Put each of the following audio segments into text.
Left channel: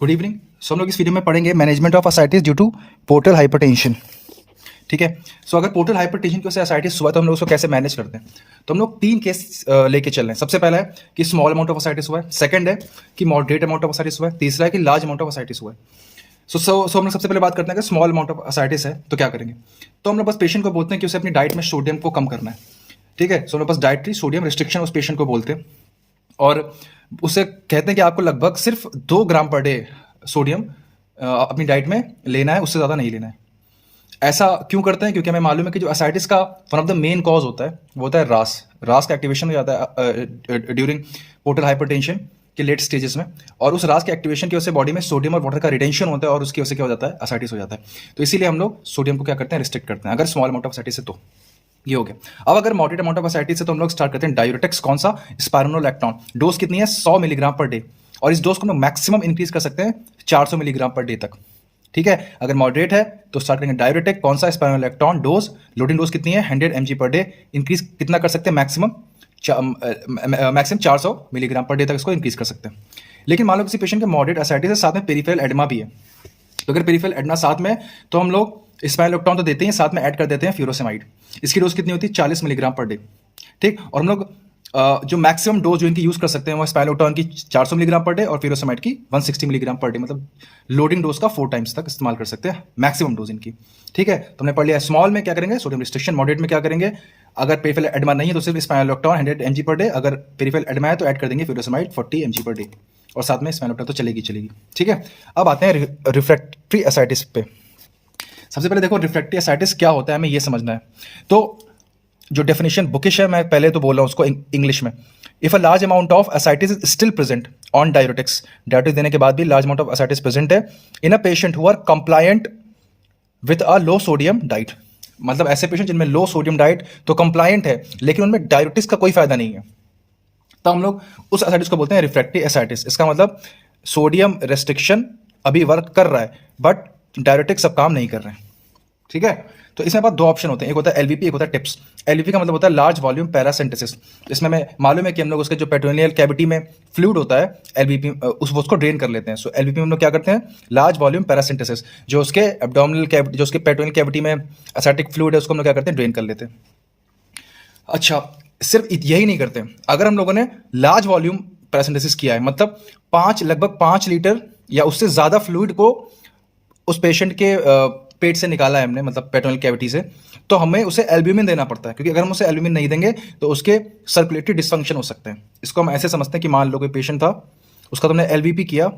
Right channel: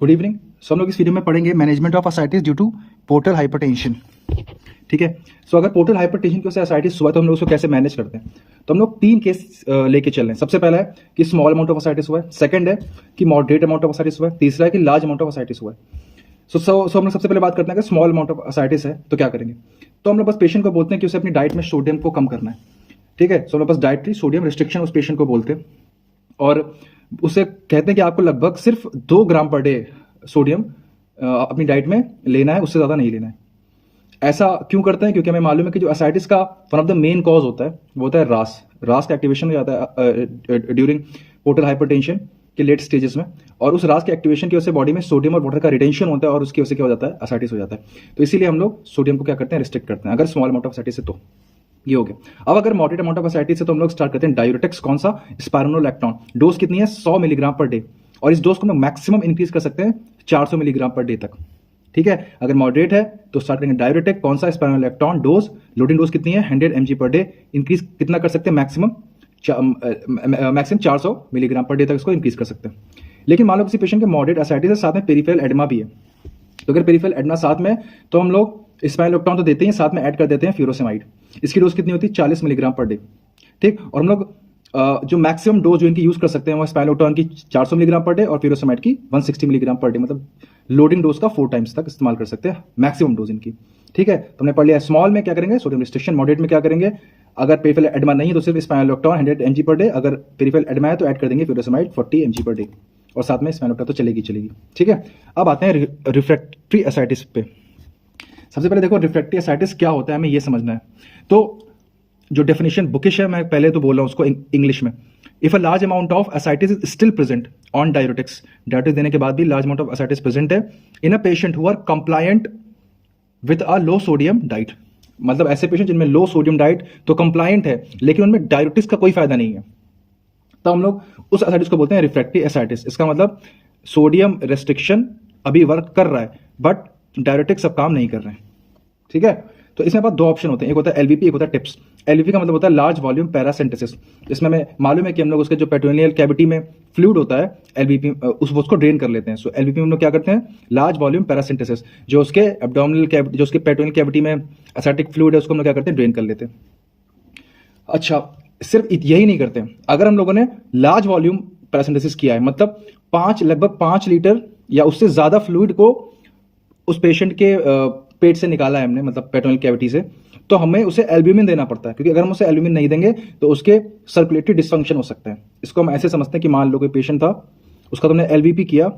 Good evening. सो हम लोग इस वीडियो में पढ़ेंगे management of ascites due to portal hypertension. ठीक है। सो अगर पोर्टल हाइपरटेंशन की वजह से असाइटिस हुआ तो हम लोग उसको कैसे मैनेज करते हैं। तो हम लोग 3 केस लेके चल रहे हैं। सबसे पहला है कि स्मॉल अमाउंट ऑफ असाइटिस हुआ है, सेकंड है कि मॉडरेट अमाउंट ऑफ असाइटिस हुआ है, तीसरा है कि लार्ज अमाउंट ऑफ असाइटिस हुआ है। सो हम लोग सबसे पहले बात करते हैं कि स्मॉल अमाउंट ऑफ असाइटिस है तो क्या करेंगे। तो हम लोग बस पेशेंट को बोलते हैं कि उसे अपनी डाइट में सोडियम को कम करना है। ठीक है। सो हम लोग बस डाइटरी सोडियम रिस्ट्रिक्शन उस पेशेंट को बोलते हैं और उसे कहते हैं कि आपको लगभग सिर्फ 2 ग्राम पर डे सोडियम अपनी डाइट में लेना है, उससे ज़्यादा नहीं लेना है। ऐसा क्यों करते हैं? क्योंकि हमें मालूम है कि जो असाइटिस का one of the main cause होता है वो होता है रास का एक्टिवेशन हो जाता है ड्यूरिंग पोर्टल हाइपरटेंशन के लेट स्टेजेस में, और उस रास के एक्टिवेशन की वजह से बॉडी में सोडियम और वाटर का रिटेंशन होता है और उसकी वजह से क्या हो जाता है, असाइटिस हो जाता है। तो इसीलिए हम लोग सोडियम को क्या करते हैं, रिस्ट्रिक्ट करते हैं अगर स्मॉल अमाउंट ऑफ असाइटिस है तो। ये हो गया। अब अगर मॉडरेट अमाउंट ऑफ असाइटिस है तो हम लोग स्टार्ट करते हैं डायूरेटिक्स। कौन सा? स्पाइरोनोलैक्टोन। डोज कितनी है? 100 मिलीग्राम पर डे, और इस डोज को हम लोग मैक्सिमम इंक्रीज कर सकते हैं 400 मिलीग्राम पर डे तक। ठीक है। अगर मॉडरेट है तो स्टार्ट करेंगे डायूरेटिक। कौन सा? स्पाइरोनोलैक्टोन। डोज, लोडिंग डोज कितनी है? 100 mg पर डे। इंक्रीज कितना कर सकते हैं? मैक्सिमम 400 मिलीग्राम पर डे तक इसको इंक्रीज कर सकते हैं। लेकिन मान लो किसी पेशेंट के मॉडरेट असाइटिस है, साथ में पेरिफेरल एडेमा भी है, तो अगर पेरिफेरल एडेमा साथ में तो हम लोग स्पाइरोनोलैक्टोन तो देते हैं, साथ में ऐड कर देते हैं फ्यूरोसेमाइड। इसकी डोज कितनी होती है? 40 मिलीग्राम पर डे। ठीक। और हम लोग जो मैक्सिमम डोज जो इनकी यूज कर सकते हैं वो स्पाइरोनोलैक्टोन की 400 मिलीग्राम पर डे और फ्यूरोसेमाइड की 160 मिलीग्राम पर डे, मतलब लोडिंग डोज का 4 टाइम्स तक इस्तेमाल कर सकते हैं मैक्सिमम डोज इनकी। ठीक है। तो हमने पढ़ लिया स्मॉल में क्या करेंगे, सोडियम रिस्ट्रिक्शन। मॉडरेट में क्या करेंगे, अगर पेरिफेरल एडेमा नहीं है तो सिर्फ स्पाइरोनोलैक्टोन 100 mg पर डे, अगर पेरिफेरल एडेमा है तो ऐड कर देंगे फ्यूरोसेमाइड 40 mg पर डे, और साथ में स्पाइरोनोलैक्टोन तो चलेगी। ठीक है। अब आते हैं रिफ्रैक्टरी असाइटिस पे। सबसे पहले देखो रिफ्रैक्टरी असाइटिस क्या होता है, हमें ये समझना है। तो जो डेफिनेशन बुकिश है, मैं पहले तो बोल रहा हूँ उसको इंग्लिश में। If a large amount of ascites is still present on diuretics, diuretics देने के बाद भी large amount of ascites present है in a patient who are compliant with a low sodium diet, मतलब ऐसे पेशेंट जिनमें लो सोडियम डाइट तो compliant है लेकिन उनमें डायूरेटिक्स का कोई फायदा नहीं है, तो हम लोग उस असाइटिस को बोलते हैं रिफ्रैक्टरी असाइटिस। इसका मतलब सोडियम रेस्ट्रिक्शन अभी वर्क कर रहा है बट डायूरेटिक्स अब काम नहीं कर रहे हैं। ठीक है। तो इसमें बाद 2 ऑप्शन होते हैं, एक होता है एलवीपी, एक होता है टिप्स। एलवीपी का मतलब होता है लार्ज वॉल्यूम पैरासिंथेसिस। इसमें हमें मालूम है कि हम लोग उसके जो पेट्रोनियल कैविटी में फ्लूइड होता है एलवीपी उसको ड्रेन कर लेते हैं। सो एलवीपी में हम लोग क्या करते हैं, लार्ज वॉल्यूम पैरासिंथेसिस, जो उसके एब्डोमिनल कैविटी, जो उसके पेट्रोनियल कैविटी में असाइटिक फ्लूइड है उसको हम लोग क्या करते हैं, ड्रेन कर लेते हैं। अच्छा, सिर्फ यही नहीं करते, अगर हम लोगों ने लार्ज वॉल्यूम पैरासिंथेसिस किया है, मतलब लगभग 5 लीटर या उससे ज़्यादा फ्लूइड को उस पेशेंट के पेट से निकाला है हमने, मतलब पेट्रोनियल कैविटी से, तो हमें उसे एल्ब्यूमिन देना पड़ता है, क्योंकि अगर हम उसे एल्ब्यूमिन नहीं देंगे तो उसके सर्कुलेटरी डिसफंक्शन हो सकते हैं। इसको हम ऐसे समझते हैं कि मान लो कोई पेशेंट था, उसका तुमने एलवीपी किया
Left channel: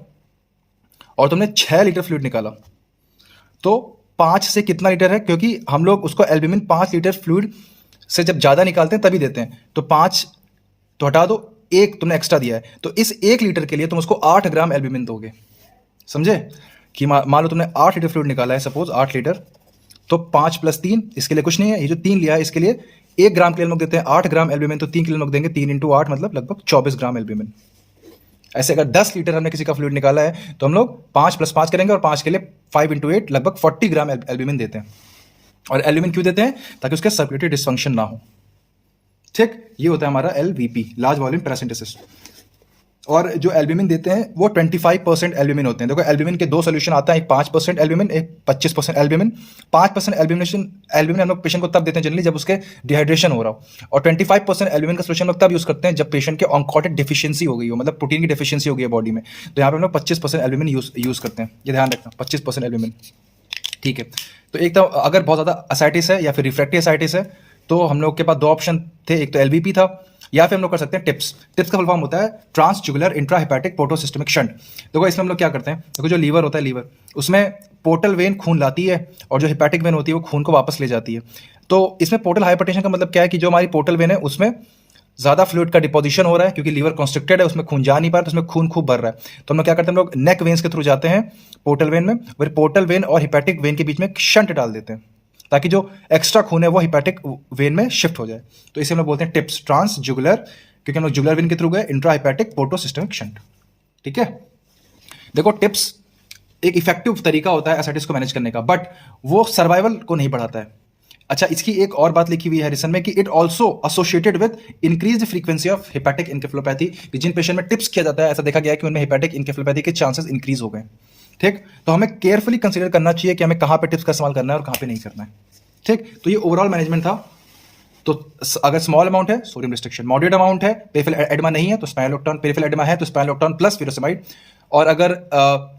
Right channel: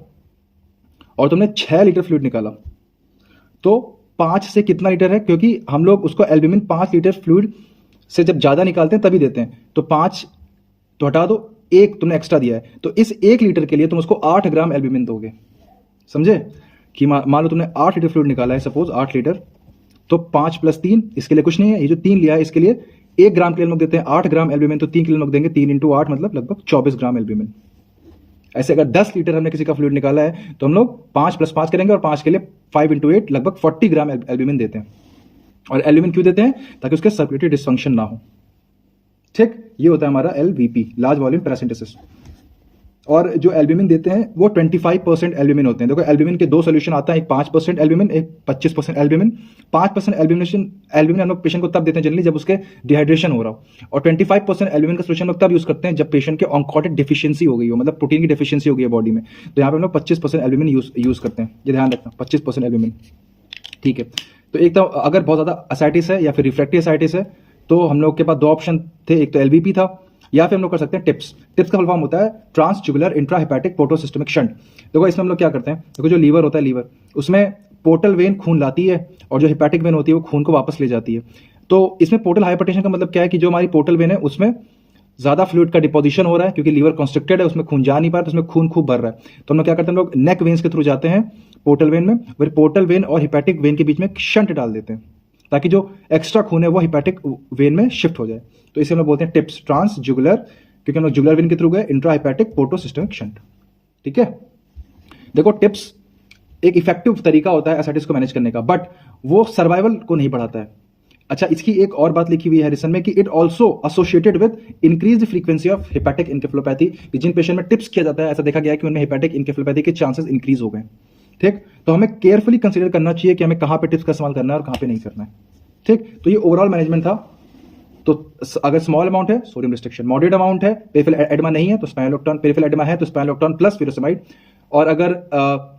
और तुमने 6 लीटर फ्लूइड निकाला, तो 5 से कितना लीटर है, क्योंकि हम लोग उसको एल्ब्यूमिन 5 लीटर फ्लूइड से जब ज़्यादा निकालते हैं तभी देते हैं, तो 5 तो हटा दो, 1 तुमने एक्स्ट्रा दिया है, तो इस 1 लीटर के लिए तुम उसको 8 ग्राम एल्ब्यूमिन दोगे। समझे कि मान लो तुमने 8 लीटर फ्लूइड निकाला है, सपोज 8 लीटर, तो 5 + 3 इसके लिए कुछ नहीं है, ये जो 3 लिया है इसके लिए 1 ग्राम के लिए हम लोग देते हैं 8 ग्राम एल्ब्यूमिन, तो 3 के लिए हम लोग देंगे 3 × 8 मतलब लगभग 24 ग्राम एल्ब्यूमिन। ऐसे अगर 10 लीटर हमने किसी का फ्लूइड निकाला है तो हम लोग 5 + 5 करेंगे और 5 के लिए 5 × 8 लगभग 40 ग्राम एल्ब्यूमिन देते हैं। और एल्ब्यूमिन क्यों देते हैं? ताकि उसके सर्कुलेटरी डिसफंक्शन ना हो। ठीक, ये होता है हमारा एलवीपी, लार्ज वॉल्यूम पैरासिंथेसिस। और जो एल्ब्यूमिन देते हैं वो 25% एल्ब्यूमिन होते हैं। देखो एल्ब्यूमिन के 2 सोल्यूशन आता है, एक 5% एल्ब्यूमिन, एक 25% एल्ब्यूमिन। 5% एल्ब्यूमिन हम लोग पेशेंट को तब देते हैं जनरली जब उसके डिहाइड्रेशन हो रहा हो, और 25% एल्ब्यूमिन का सोल्यूशन हम लोग तब यूज़ करते हैं जब पेशेंट के ऑन्कोटिक डिफिशियंसी हो गई हो, मतलब प्रोटीन की डिफिशियंसी हो गई है बॉडी में, तो यहाँ पर हम लोग 25% एल्ब्यूमिन यूज़ करते हैं। ये ध्यान रखना, 25% एल्ब्यूमिन। ठीक है। तो एक तो अगर बहुत ज़्यादा असाइटिस है या फिर रिफ्रैक्टरी असाइटिस है तो हम लोग के पास 2 ऑप्शन थे, एक तो एलवीपी था या फिर हम लोग कर सकते हैं टिप्स। टिप्स का फुल फॉर्म होता है ट्रांसजुगुलर इंट्राहेपेटिक पोर्टोसिस्टमिक शंट। देखो इसमें हम लोग क्या करते हैं, देखो जो लीवर होता है, लीवर उसमें पोर्टल वेन खून लाती है और जो हेपेटिक वेन होती है वो खून को वापस ले जाती है। तो इसमें पोर्टल हाइपरटेंशन का मतलब क्या है कि जो हमारी पोर्टल वेन है उसमें ज़्यादा फ्लूइड का डिपोजिशन हो रहा है, क्योंकि लीवर कॉन्स्ट्रिक्टेड है, उसमें खून जा नहीं पा रहा, तो उसमें खून खूब भर रहा है। तो हम लोग क्या करते हैं, हम लोग नेक वेन्स के थ्रू जाते हैं पोर्टल वेन में, फिर पोर्टल वेन और हिपैटिक वेन के बीच में एक शंट डाल देते हैं ताकि जो एक्स्ट्रा खून है वो हिपैटिक वेन में शिफ्ट हो जाए। तो इसे हम लोग बोलते हैं टिप्स, ट्रांसजुगुलर, क्योंकि हम लोग जुगुलर वेन के थ्रू गए, इंट्राहिपैटिक पोर्टोसिस्टमिक शंट। ठीक है। देखो टिप्स एक इफेक्टिव तरीका होता है असाइटिस को मैनेज करने का, बट वो सर्वाइवल को नहीं बढ़ाता है। अच्छा, इसकी एक और बात लिखी हुई है हैरिसन में कि it also associated with increase frequency of hepatic encephalopathy, कि जिन पेशेंट में टिप्स किया जाता है ऐसा देखा गया है कि उनमें हेपेटिक इनकेफेलोपैथी के चांसेस इंक्रीज हो गए। ठीक, तो हमें केयरफुली कंसीडर करना चाहिए कि हमें कहाँ पे टिप्स का इस्तेमाल करना है और कहाँ पे नहीं करना है। ठीक, तो ये ओवरऑल मैनेजमेंट था। तो अगर स्मॉल अमाउंट है सोडियम रिस्ट्रिक्शन, मॉडरेट अमाउंट है, पेरिफेरल एडेमा नहीं है तो स्पाइनोलेक्टोन, पेरिफेरल एडेमा है तो स्पाइनोलेक्टोन प्लस फ्यूरोसेमाइड। और अगर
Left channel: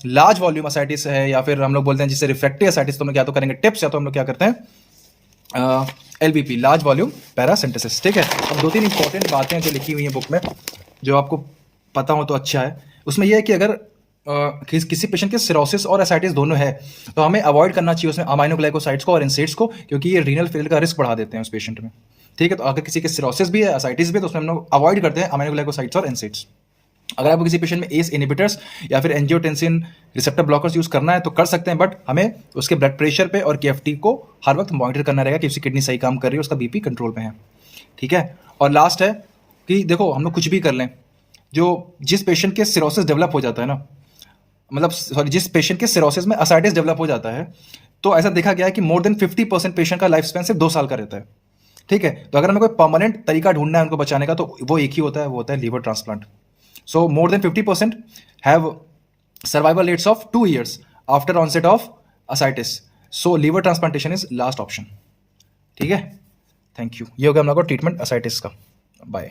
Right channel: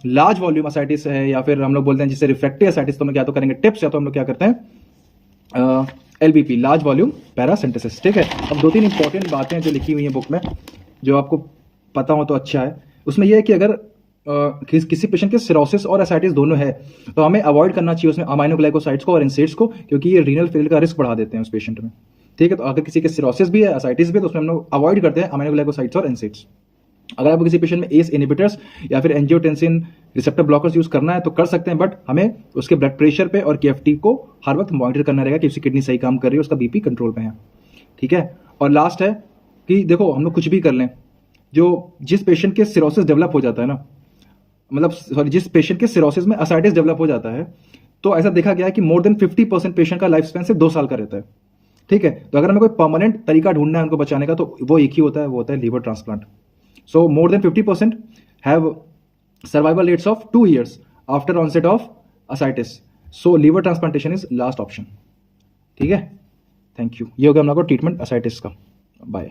लार्ज वॉल्यूम असाइटिस है या फिर हम लोग बोलते हैं जिससे रिफ्रैक्टिव असाइटिस, तो हम लोग क्या तो करेंगे टिप्स, या तो हम लोग क्या करते हैं LVP, लार्ज वॉल्यूम पैरासिंथेसिस। ठीक है, अब 2-3 इंपॉर्टेंट बातें जो लिखी हुई हैं बुक में जो आपको पता हो तो अच्छा है। उसमें यह है कि अगर किसी पेशेंट के सिरोसिस और एसाइटिस दोनों है तो हमें अवॉइड करना चाहिए उसमें अमाइनोग्लाइकोसाइड्स को और इंसेट्स को, क्योंकि ये रीनल फेलियर का रिस्क बढ़ा देते हैं उस पेशेंट में। ठीक है, तो अगर किसी के सिरोसिस भी है, एसाइटिस भी है, तो उसमें हम लोग अवॉइड करते हैं अमाइनोग्लाइकोसाइड्स और इंसेट्स। अगर आपको किसी पेशेंट में एस इनहिबिटर्स या फिर एंजियोटेंसिन रिसेप्टर ब्लॉकर्स यूज करना है तो कर सकते हैं, बट हमें उसके ब्लड प्रेशर पे और KFT को हर वक्त मॉनिटर करना रहेगा कि उसकी किडनी सही काम कर रही है, उसका BP कंट्रोल में है। ठीक है, और लास्ट है कि देखो हम लोग कुछ भी कर लें, जो जिस पेशेंट के सिरोसिस डेवलप हो जाता है ना, मतलब सॉरी, जिस पेशेंट के सिरोसिस में असाइटिस डेवलप हो जाता है, तो ऐसा देखा गया है कि मोर देन 50% पेशेंट का लाइफ स्पैन सिर्फ 2 साल का रहता है। ठीक है, तो अगर हमें कोई परमानेंट तरीका ढूंढना है उनको बचाने का तो वो एक ही होता है, वो होता है liver transplant. So more than 50% have survival rates of 2 years after onset of ascites. So liver transplantation is last option. ठीक है, थैंक यू। ये हो गया हम लोग को ट्रीटमेंट ascites का। बाय।